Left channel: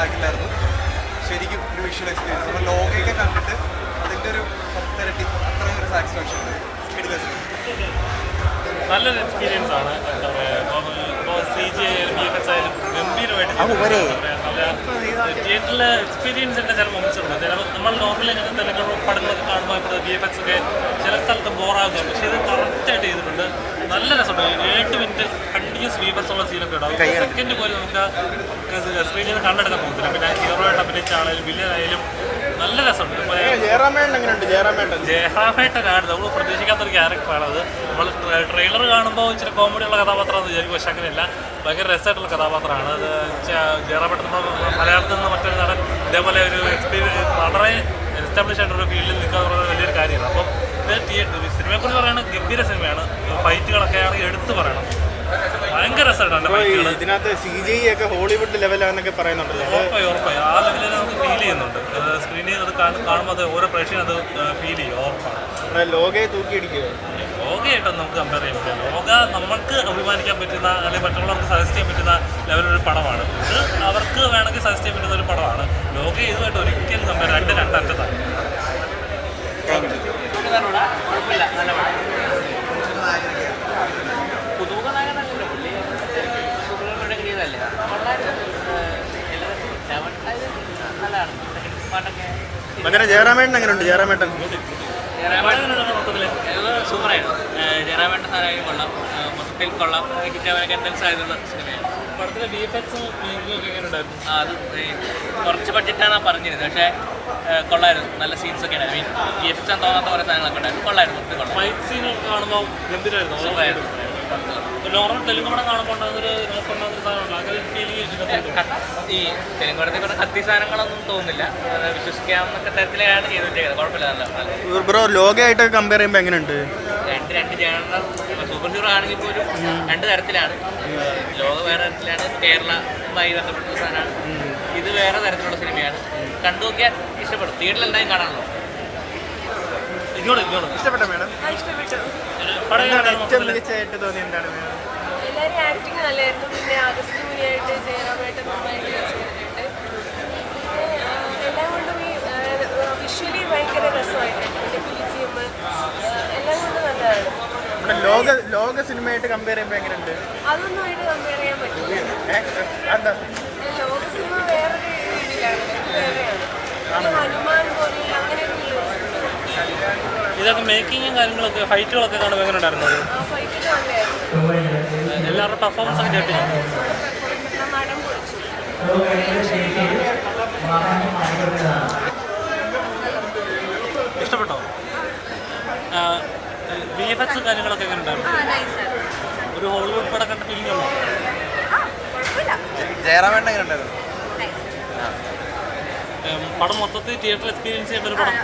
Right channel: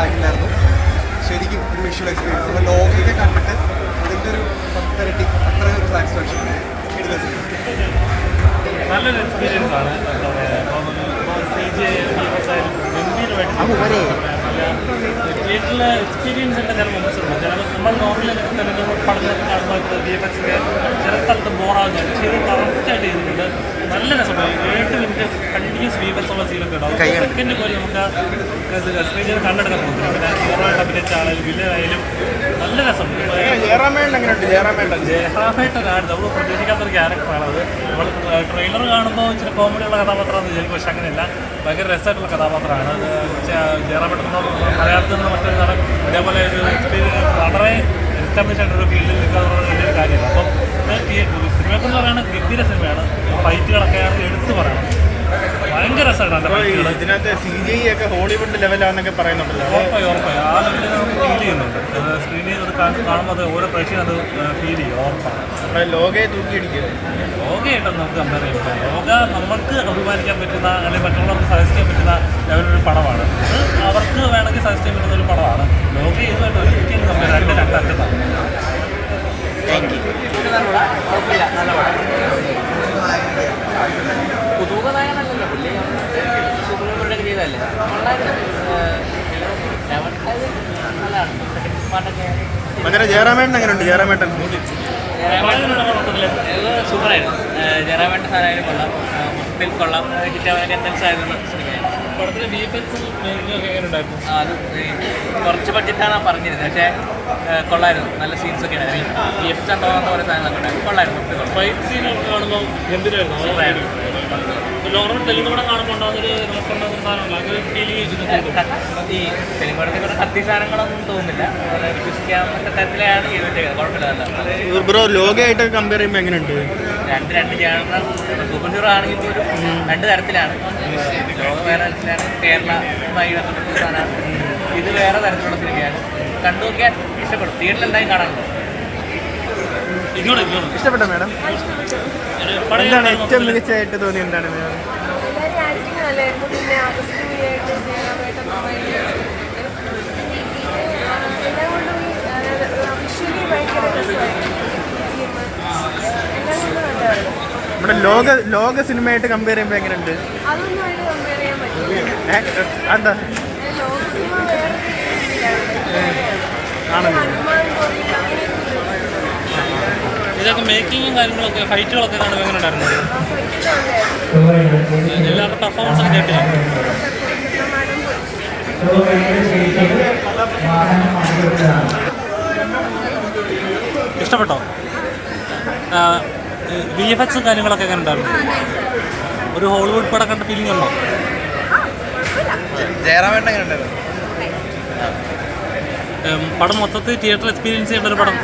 ലാഗില്ലായിരുന്നു. ശരിക്കും ഒരു visual experience നമ്മൾ ലോകയൊക്കെ കണ്ടിട്ട് അതിൻ്റെ ഒരു 10 അത്രയും ഒരു സാറ്റിസ്ഫാക്ഷൻ നല്ലൊരു എക്സ്പീരിയൻസ് ആണ്. എന്താ പറയുക, CG ആയാലും ഗംഭീരമായിട്ട് തിയേറ്ററിലെ എക്സ്പീരിയൻസിൻ്റെ ചില മൊമെൻറ്റ്സുണ്ട്. ചില നമ്മൾ നോർമലി പഠനം കാണുമ്പോൾ VFX ഒക്കെ ചില സ്ഥലത്ത് ബോറാകുന്നുണ്ട്. പക്ഷേ ഇത് കറക്റ്റായിട്ട് ചെയ്തിട്ടുണ്ട്. നല്ല രസമാണ്. 7 മിനിറ്റ് കണ്ടിന്യൂസ് VFX ഉള്ള സീനൊക്കെ ഉണ്ടാവും. സെക്കൻഡ് പോലും നമുക്ക് സ്ക്രീനിൽ കണ്ടെടുക്കാൻ പറ്റില്ല. പിന്നെ ഹീറോയായിട്ട് അഭിനയിച്ച ആളായാലും വില്ലനായാലും നല്ല രസമുണ്ട്. ജയറാമേട്ടനാണ് നമ്മൾ പ്രതീക്ഷിക്കാത്തൊരു ക്യാരക്ടറാണത്. നമ്മൾ ട്രെയിലർ കാണുമ്പോൾ ഇച്ചിരി കോമഡിയുള്ള കഥാപാത്രമാണെന്ന് വിചാരിക്കും. പക്ഷെ അങ്ങനെയല്ല, ഭയങ്കര രസമായിട്ടുള്ള കഥാപാത്രമാണ്. ജയറാമേട്ടൻ മലയാളത്തിൽ നിന്ന് മറ്റൊരു തരം ഇതേപോലെ ഒരു എക്സ്പീരിയൻസ് വളരെ എസ്റ്റാബ്ലിഷ് ആയിട്ടൊരു ഫീൽഡിൽ നിൽക്കാതെ വലിയൊരു കാര്യമാണ്. അപ്പം തിയേറ്റർ സിനിമയെക്കുറിച്ച് പറയുന്നത് ഗംഭീര സിനിമയാണ്. ഫൈറ്റുകളൊക്കെ എടുത്തു പറയണം. ഭയങ്കര രസമാണ് ഫൈറ്റുകൾ. ഇതിനകത്ത് CGI ഒക്കെ ഹോളിവുഡ് ലെവലാണെന്നൊക്കെ പറയുന്നുണ്ട്. ഉറപ്പായി ആ ലെവലിൽ നമുക്ക് ഫീൽ ചെയ്യുന്നുണ്ട്. സ്ക്രീനിൽ അത് കാണുമ്പോൾ അത് ഓരോ പ്രേക്ഷകരും അത് ഫീൽ ചെയ്യും. ഉറപ്പാണ്. ലോകയെ തൂക്കിയടിക്കുക. ലോകയായിട്ടൊന്നും നമുക്ക് കമ്പയർ ചെയ്യുമ്പോൾ ലോക നമുക്ക് അഭിമാനിക്കാൻ പറ്റുന്ന അല്ലെങ്കിൽ മറ്റുള്ളവർക്ക് സജസ്റ്റ് ചെയ്യാൻ പറ്റുന്ന ലെവലൊരു പടമാണ്. ഇത് അവർക്ക് വേണമെങ്കിൽ സജസ്റ്റ് ചെയ്യാൻ പറ്റുന്ന ഒരു പടമാണ്. ലോക ഇതുമായിട്ട് ഒരിക്കലും കമ്പയർ രണ്ടിലാണ്. പുതുമുഖനായകനല്ലല്ലോ പുള്ളി, സൂപ്പർമാരുടെ ചെയ്തല്ലേ നല്ലതാണ്. അങ്ങനെ ജയറാമേട്ടൻ എങ്ങനെയുണ്ട്? ജയറാമേട്ടൻ സൂപ്പറായിരുന്നു. ജയറാമേട്ടൻ സാറായാലും കൊള്ളാം, മൊത്തത്തിൽ കൊള്ളാം. ചിറ്റവനൊക്കെ എന്തെങ്കിലും ആയിരുന്നു സിനിമയാണ്. പടത്തിലെ VFX അത് കുറച്ച് ബഡ്ജറ്റാണ് പറഞ്ഞിരുന്നത്. പക്ഷേ കൊള്ളായിരുന്നു. നല്ല സീൻസൊക്കെ ഉണ്ടായിരുന്നു. VFX തോന്നാത്ത കുറേ സാധനങ്ങളൊക്കെ ഉണ്ടായിരുന്നു. കൊള്ളായിരുന്നു. ഫൈറ്റ് സീനൊക്കെ കാണുമ്പോൾ ഗംഭീരമായിരുന്നു. നോർമൽ തെലുങ്കൂടെ കാണുമ്പോൾ ഉണ്ടാകുന്നൊരു ഫീലിംഗ് ഈ തെലുങ്കുടത്തെ കുറേ കത്തി സാധനങ്ങളൊന്നും തോന്നുന്നില്ല. വിശ്വസിക്കാവുന്ന തരത്തിലാണ് ചെയ്തിട്ട് കുഴപ്പമില്ല. ബ്രോ ലോകയായിട്ട് കമ്പയർ ചെയ്യുമ്പോൾ എങ്ങനെയുണ്ട്? രണ്ട് ജാനർ. സൂപ്പർ ഹീറോ ആണെങ്കിൽ പോലും 2 തരത്തിലാണ്. ലോക വേറെ തരത്തിലാണ്, കേരളമായി ബന്ധപ്പെട്ട സാധനമാണ്. ഇത് വേറെ തരത്തിലുള്ള സിനിമയാണ്. കണ്ടു നോക്കിയാൽ ഇഷ്ടപ്പെടും. തിയേറ്ററിൽ എന്തായാലും കാണാനുള്ളൂ. ഇഷ്ടപ്പെട്ട മാഡം എന്താണ് ഏറ്റവും മികച്ചതായിട്ട് തോന്നി? എന്താണ് നമ്മുടെ ലോക സിനിമയായിട്ട് കമ്പയർ ചെയ്യുമ്പോൾ എങ്ങനെയുണ്ട്? എന്താ ഇതൊക്കെ മേക്കിങ്ങും കാര്യങ്ങളൊക്കെ ഫൈറ്റുകളൊക്കെ എങ്ങനെ ഉണ്ടായിരുന്നത്? എല്ലാവരുടെ പെർഫോമൻസ് ഒക്കെ കേട്ടില്ല. ഇഷ്ടപ്പെട്ടോ? VFX കാര്യങ്ങളൊക്കെ എങ്ങനെ ഉണ്ടായിരുന്നു? ഒരു ഹോളിവുഡ് പടം കണ്ട ഫീലിംഗ് ഉണ്ടോ? ജയറാമേട്ടൻ എങ്ങനെ ഉണ്ടായിരുന്നു? പടം മൊത്തത്തിൽ തിയേറ്റർ എക്സ്പീരിയൻസ് ചെയ്യേണ്ട ഒരു പടം.